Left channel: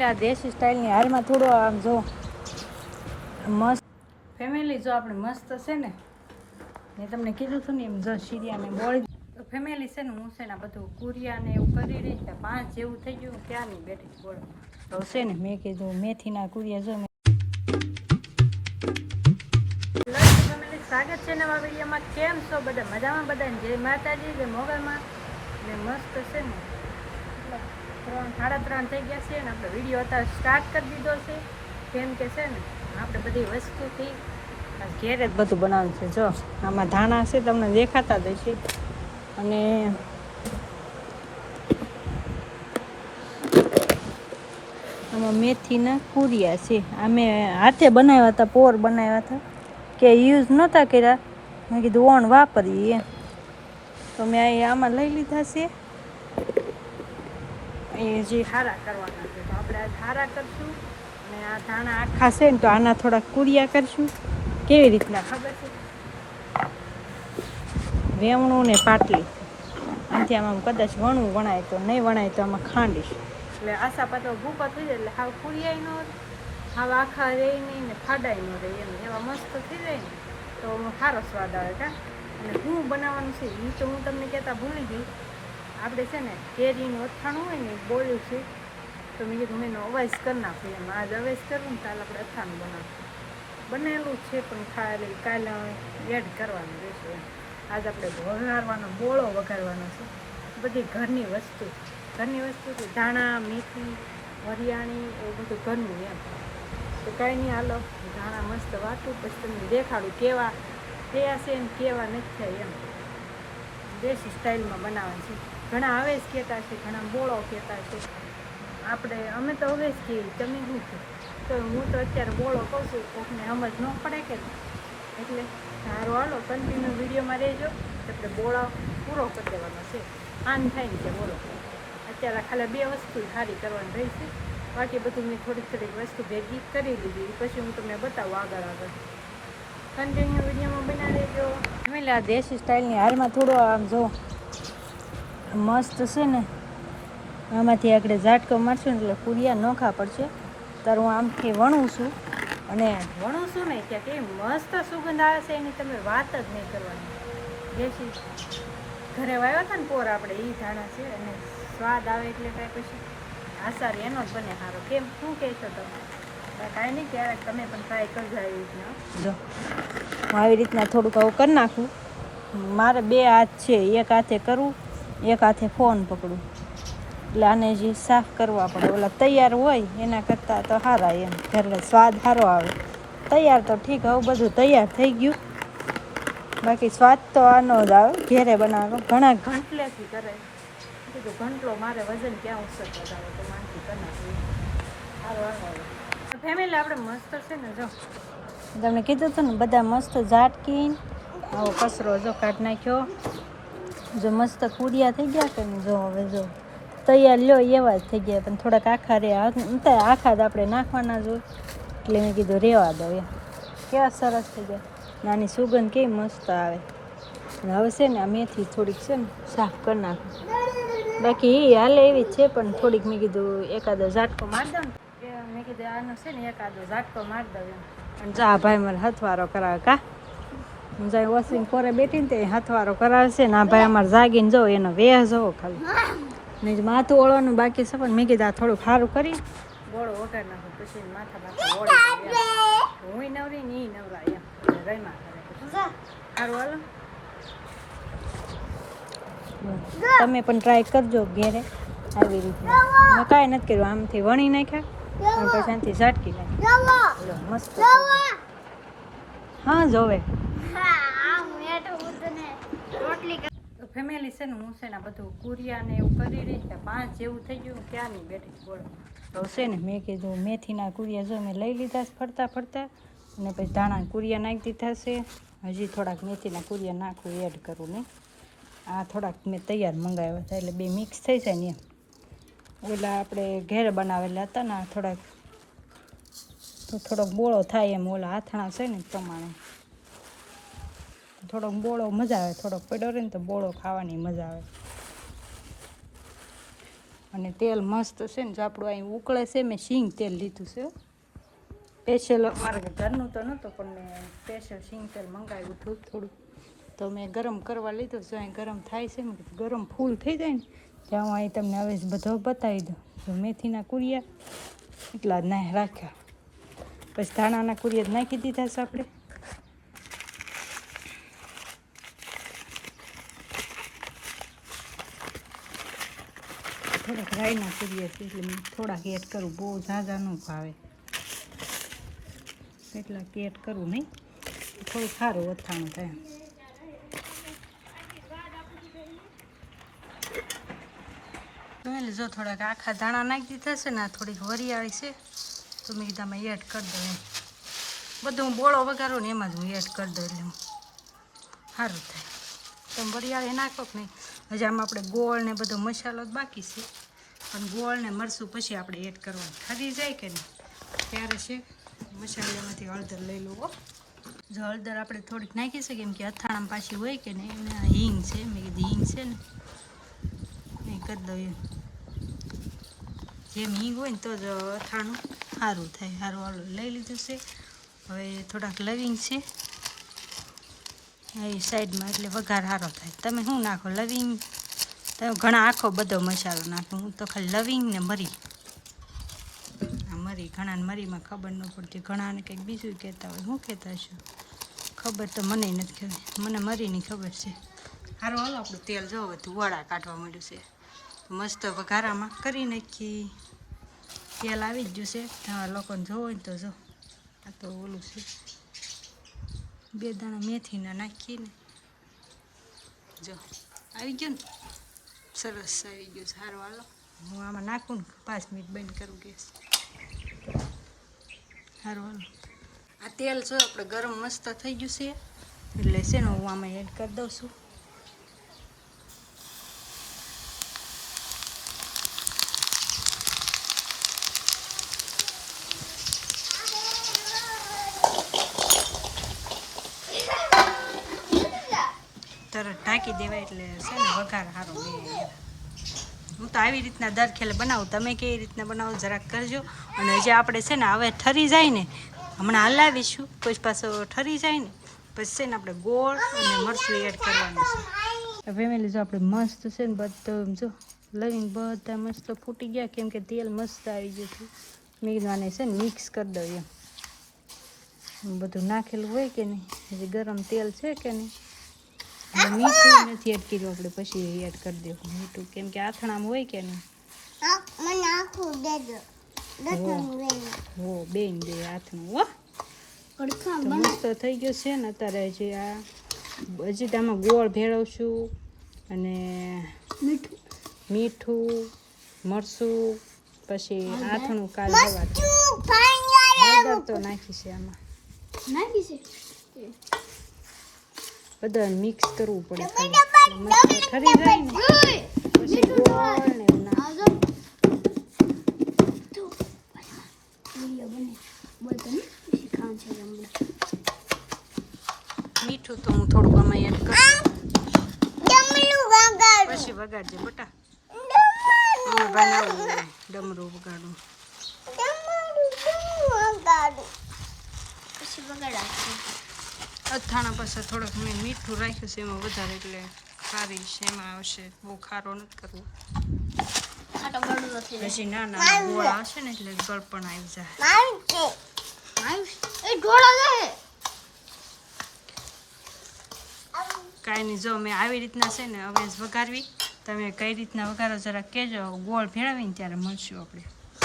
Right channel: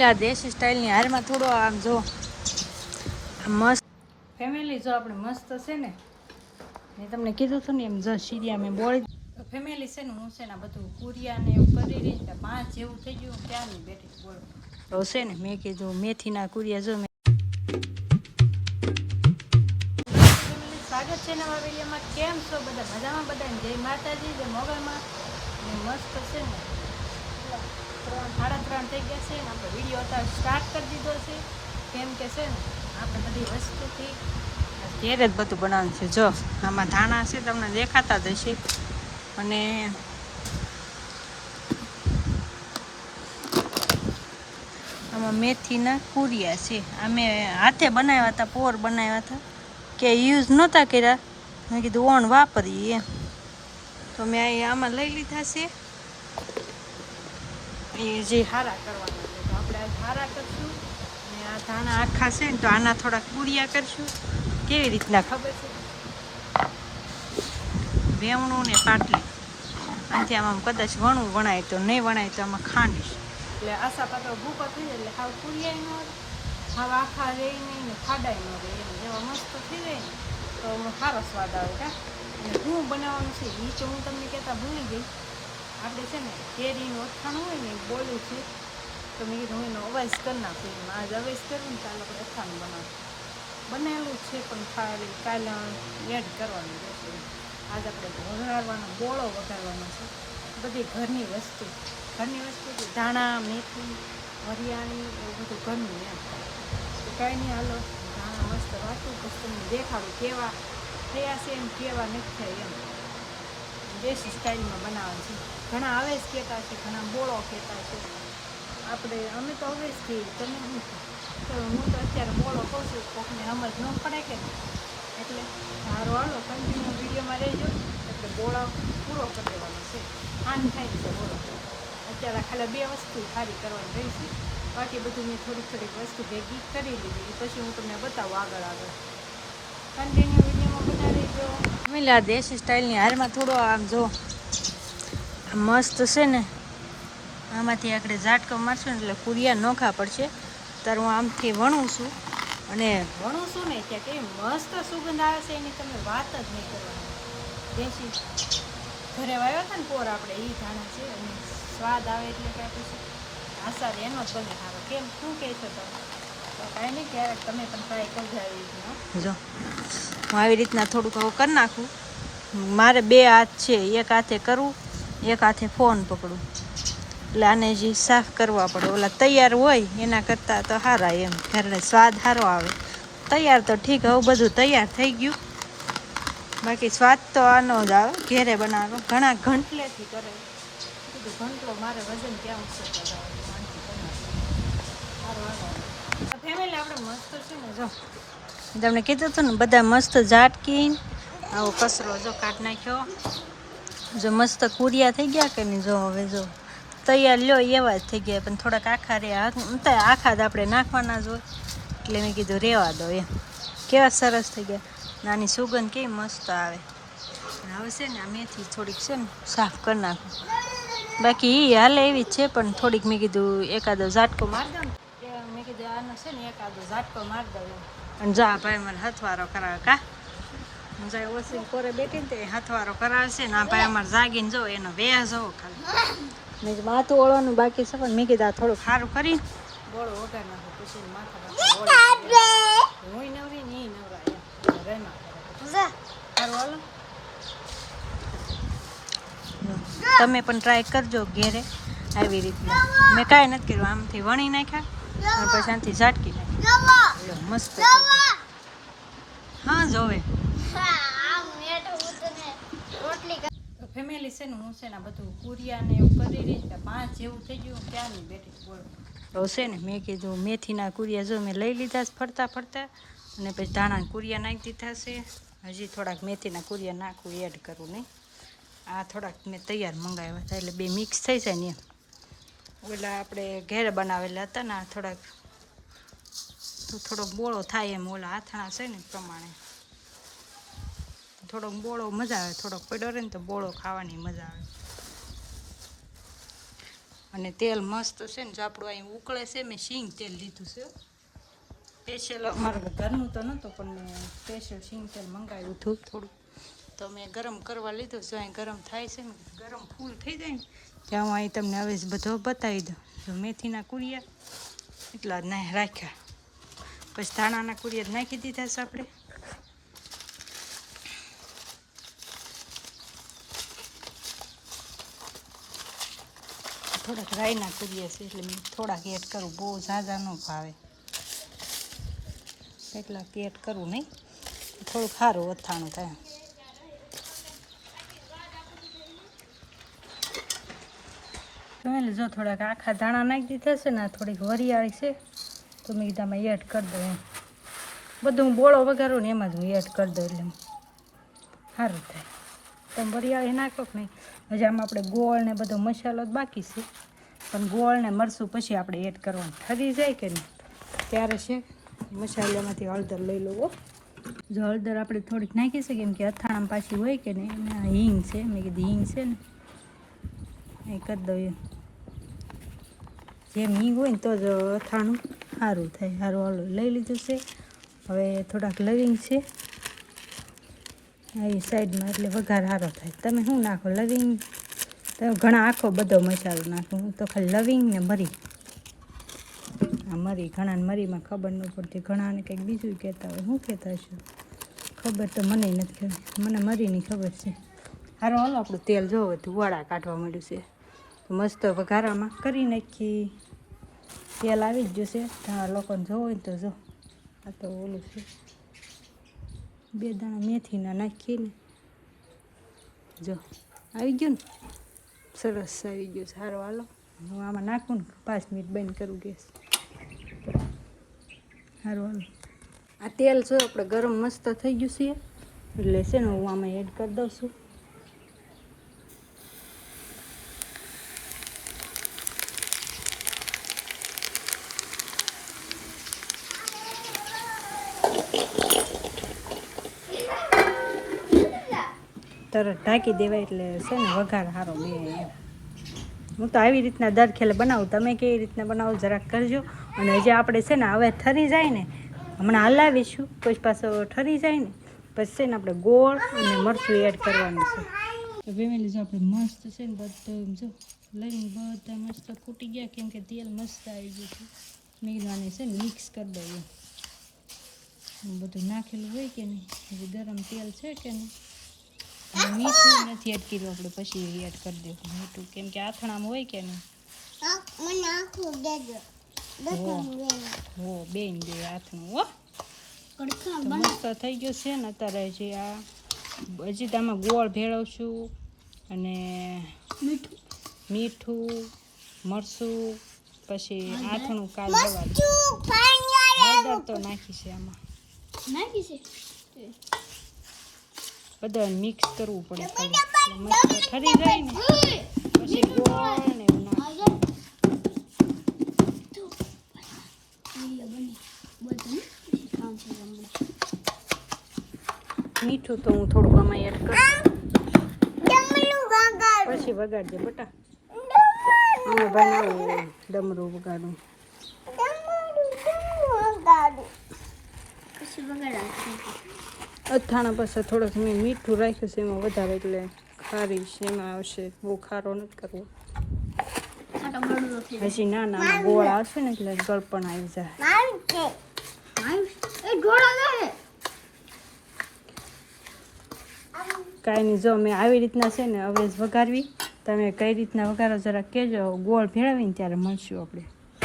Family આ દેશી સ્ટાઇલની હારમાં થોડો આમ જો મસ્ત ફેમિલી જો આપણે મસ્ત છે ને મેં તમને કીધું હતું ને એમ જો સીરિયા મેં બોળી તો ફેમિલી છે ને હું છે ને બધું કુરિયા ને એવું કરી રહી ત્યાં 5 જેવું થઈ ગયું ક્યારની બેઠી બોલો તો છે ને મેં કીધું મેથીના કુરિયા જો સ્વાગત છે નવા વિડીયોમાં. કેમ છો બધા? મજામાં? બધા જય માતાજી, જય મોગલમાં. ને મસ્ત છે ને 3:30 થઈ ગયા છે ને આપણે વિડીયો અત્યારે સ્ટાર્ટ કરી દીધો છે. કેમ કે છે ને આપણે બધી વસ્તુથી ઘેરે જ બધું બનાવવાનું છે. જો આમાં ધાણા છે તમને દેખાતા જ હશે અને આમાં મેથીના કુરિયા છે. અમે હાથે બનાવ્યા હતા, પોર બનાવ્યા હતા કે યુઝ નહોતા કર્યા. મેં કીધું ઓણ વાપરીએ એમ તો મેં આમાં લઈ લીધા છે. એ જે હારા કરવાના છે તો આપણે આ હારા કરશું અને આ ધાણા આખા છે ને તો આના થોડાક કુરિયા કરશું. કેવી રીતના ખબર છે? વેવણું ને પાટલી આનાથી આમાં કદાચ વણવું વણાય તો નહીં વણાય તો આમાં ખાંડીશ એટલે આશા પાત્ર ભૂકો થઈ જાય એટલે હાવ કુરિયાય ન રહે, હાવ આખા રહે નહીં ને ફાડાય ન રહે એમ એવા મસ્ત થઈ જાય ને તો સારો સ્વાદ આવે. કા અને શું બનાવવાનું છે એ તો હું તમને કહેતા ભૂલી ગઈ. આપણે છે ને કેરીનું અથાણું હોય ને બોલ્યું છે તો મેં કીધું એનો અવાજ કરી નાખું એમ. આજ અવાજ કરવું ને કાલે આપણે અથાણું બનાવશું. બનેલું છે પણ ખાલી કાલે એડ કરવાનું રહેશે એમ. આજ આપણે વઘારવાનો બોળો વઘારવાનો છે. બધી ઘરની વસ્તુ છે. ધાણા, મેથી, વરિયાળી એવું બધું ઘરનું એમ. તો કાંઈ નહીં, હાલો ધાણા મસ્ત વાટું પછી તમને દેખાડું કેવા થયા છે એમ કેવા નથી થયા એમ. દેશી સ્ટાઇલમાં બનાવવાનું છે. ઘણા હવે જ કહેતા છે, ઘણા બોળો કહેતા છે. અમે તો હવે જ કહીએ, તમે શું કહો? તો હું તો અત્યારે બોળો કહું છું, કોકને સમજ ન પડે કે એટલે સારું હાલો કન્ટિન્યુ વિડીયોમાં રહેજો. એટલે બોળો પૂરો કરી દેવાનો છે. આન થાય છે બોલો. અત્યારે ખાલી 2 વસ્તુ સારી કરવાની રહી છે. બાકી બધું મેં થોડીક વસ્તુ ભેગી કરી લીધી. પછી હું તમને બતાવું આગળ કન્ટિન્યુ વિડીયોમાં બનાવી રહેજો. ફેમિલી આ દેશી સ્ટાઇલની હારમાં થોડો આમ જો મસ્ત છે ને આમાંથી આપણે ઝાટકો મારશું ને એટલે કુરિયા નોખા પડશે. ત્યારે હું આમથી વણું છું અને વણું છું ને ત્યાં કેવી મસ્ત સુગંધ આવે છે એની તમે વાત જ નહીં કરવાની. દેશી ઘરે વાવ્યા હતા ને પોર આપણે એ ધાણા છે અને સ્વાદ આવે એટલે કાંઈ પછી આસારી એનો જ બને સારો. કેમ શું કહેશો તમે? કાંઈ નહીં, ક્યારેક તમે પણ ટ્રાય કરજો આવી રીતના. જો હું આવી રીતના થોડુંક આવું કરી નાખું. મારે 2 હાથ છે, એક હાથે કરવું, એક હાથે ફોન પકડું. એટલે આને જે સાફ કરવા પડે. ઓલા તૈયાર હોય એના કરતાં તો સારા એમ, ઘરને સ્વાદ સારો આવે. તૈયાર તો ઠીક, હવે બધું તૈયાર થઈ ગયું. બાકી સ્વાદ તો આનો જ આવે ઘેરે બનાવવાનો. ઘણા ઘંટલેથી કરે. કીધું ઘંટલો મારે વજન ક્યાં ઉછળતા જ આવે તો માનથી કરી નાખું સારું આવે. ફેમિલી આપણે મસ્ત છે ને જો તમને કીધું હતું ને બધા મસ્ત ઝાટકીને આવો કચરો જો કાઢી નાખ્યો. જો મસ્ત કુરિયા થઈ ગયા કે નહીં? જો હવે જો તૈયાર લ્યો એવા જ થઈ ગયા પણ થોડાક આખા આખા જ આપણે નાખવાના જ હોય એટલે મેં કીધું રહેવા દો એમ. કેવા સરસ થઈ ગયા. નાની સુગંધ કેવી મસ્ત આવે. અને હવે છે ને આ મેથી થોડીક છે ને સાફ કરી નાખું. બાકી એ હાલે એવી જ છે પણ થોડીક મેં કીધું એકાદો ઝાટકો મારી દઉં ને મેં કીધું આનો છે ને એકાદો ઝાટકો મારી દઉં એમ. અને જા ભાઈ મને હથવારો કરાવે. કા હું જાય વોશિંગ પોરે બેઠી ને તે હથવારો કરાવે છે ને આ ભાઈ અમારે જાગીને જો એનો વેહ જવો ખાલી. બીજું માથું ઓળવાનું બાકી છે પણ મેં કીધું આ થોડું સારું કરી બોળો ઓઢાર નાખું પછી માથા ઓળી હું નવરી ને એ નવરા એમ રમ્યા કરે. સારું હાલો તમે પણ ટ્રાય કરજો ઘેરે આવી રીતના. મેં કાંઈ નથી કર્યું, આમથી વણી નાખ્યા અને પછી આનાથી ઝાટકી નાખ્યા. મસ્ત હા જોવે ફેમિલી છે ને હું છે ને બધું કુરિયા ને એવું કરી રહી ત્યાં 5 જેવું થઈ ગયું ક્યારની બેઠી બોલો. તો છે ને મેં કીધું મેથીના કુરિયા જો મેં લઈ લીધા ફરતા અને પછી ધાણા કુરિયા નાખી દીધા છે. હજી થોડાક મેથીના કુરિયા નાખવું એડ કરવું નહીં. આ થોડાક મેં તૈયાર મંગાવ્યા હતા એટલે 2 મિક્સ થઈ જાય ને એમ. ઓલા આપણે ઘેરે બનાવેલા હતા ને થોડોક બોળો થાય એમ. ઓલા આથણા છે ને પ્રમાણે થોડોક બોળો મજા આવે. થોડોક પડ્યો રહે ને તો બોળો ખાવાની મજા આવે. અને તેલ મસ્ત છે ને, જો આપણું અહીં ઉકળે છે. મેં સિંગ તેલ લીધું છે સ્પેશિયલ, મારા ઘરનું તો નહોતું પણ મેં સ્પેશિયલ સિંગ તેલ મંગાવ્યું હતું થોડું, તો મેં ગરમ કરવા લીધું. જો અહીં ગરમ થાય છે, મેં કીધું ગરમ ફૂલ થઈ જાય ને ત્યાં હું અહીં તમને હવે બધો બતાવી દઉં. તો મેથીના કુરિયા એટલા જ ના રાખ્યા, પછી ધાણાના કુરિયા જ નાખી દીધા છે આપણે. થોડાક રાઈના કુરિયા છે એટલે મેં થોડાક એડ કરું, બહુ ઝાઝા ન ભાવે એટલા એડ કરવું નહીં, થોડું સારું અથાણું થાય. એટલે જો થોડાક આખા ધાણા નાખી દીધા છે ને, થોડીક વરિયાળી છે તો મેં કીધું આમાં એડ કરી દઉં એમ. બધું હું બોળો વઘારું ને એમાં જ હું એડ કરી દઉં એટલે સારું થાય. તમે વરિયાળી નાખો કે નહીં. હજી આમાં આપણે ગોળ ને બધો મસાલો જ બાકી છે, પણ ગોળ ને મરચું પછી આપણે એડ કરવાનું થતી જાય કે નહીં ત્યારે છે. મસાલામાંથી હળદર લઈ લો. જો હળદર આપણે થોડીક નાખી છે કેમ કે અથાણામાં પાછી હોય કે નહીં. અને આ હિંગ છે, મેં કીધું હિંગ છે ને એ કરી દઉં એમ. જેમ હિંગ હોય ને તો જ અથાણું સારું થાય. સારું હાલો લઈ લીધું છે. હવે થોડાક લવિંગ છે એ સાઈડમાં, એટલે વઘાર સારો થાય. તમે શું નાખો લવિંગ, તમે ઘણા આખો બધો મસાલો નાખો, હું તો ખાલી લવિંગ ને મરી. આ મરી ઘણાને મરીમાં ખબર ન પડતી, ઘણાને કંઈક બીજું કહેતા હોય. શું કહેતા હશો ખબર તો મને નથી ખબર, મને મરીની ખબર છે. સારું હાલો આપણું તેલ જોવો તો વડા કાઢવા માંડ્યું છે, તો મસ્ત વઘારામાં કરી નાખી. તેલ આવી જ જશે. તમારા લોકોને જોવો હોય તો જો, આ તો ઓલું છે 2 દાણા મેથીના નાખીને જો આવી ગયું ને, સરસ આવી ગયું. સારું હાલો હું આમાં નાખું ને 5 મિનિટ બંધ કરું ગેસ. સારું હાલો આ તેલ જો આપણે ગરમ મસ્ત થઈ ગયું છે એટલે છે ને હું આમાં એડ કરી દઉં છું. તરત ઢાંકી દેવાય એટલે છે ને વઘાર સારો બને. હું તો આવી રીતના દર ખેલે બનાવું, તમે કેવી રીતના બનાવો જરાક કરજો. અને હજી આપણે છે ને હવે ઠરી જાય ને, હમણાં હલાવીશું પછી પાછો ઠરી જાય ને પછી છે ને આપણે ગોળ અને મરચું એડ કરવાનું છે. ફેમિલી જો આપણે મસ્ત છે ને બધું જો લવિંગ બધા મસ્ત ફૂટી ગયા કેમ કે તેલ મસ્ત આવી ગયું હતું. મેં કીધું આને છે ને મિક્સ કરી દઉં એમ. બધું નાખેલું હોય કે નહીં, હજી ગરમ તેલ છે કે નહીં. મીઠું નથી એડ કર્યું આપણે, પછી એડ કરી દેવું મીઠું કેમ કે આથણામાં હોય કે નહીં. હો બેન દે આથણું હો. તો મસ્ત થઈ ગયું છે ને. અત્યારે હજી હજી આમાં ગોળ ભેળવશું અને મીઠું મરચું, પછી આથણું કાલ સવારે હળદર તો નાખી છે આમાં, બધા મિક્સ કરવું પડે ખાલી મસ્ત ઠરી જાય ને પછી ગોળ ને એવું નાખવું. મીઠું તો હું થોડુંક આમાં એડ કરું પછી વગાડજે બટા. હા બનાવું ડમરું વગાડું. અથાણા પાસે થોડોક મેં મીઠું રાખ્યું છે એમાં વધારે એટલે ખારી છે એમાં આવશે, બહુ ખારો નથી કરવો. હજી નાના ગોળ આવશે ને એટલે ગળપણ આવી જાય. કાંઈ નહીં જો મેં આવી રીતના છે ને હવે વઘારવી. તમે કઈ રીતના વઘારો જરા કહેજો. ગોળ ભેળવીને ત્યારે મળશું આપણે.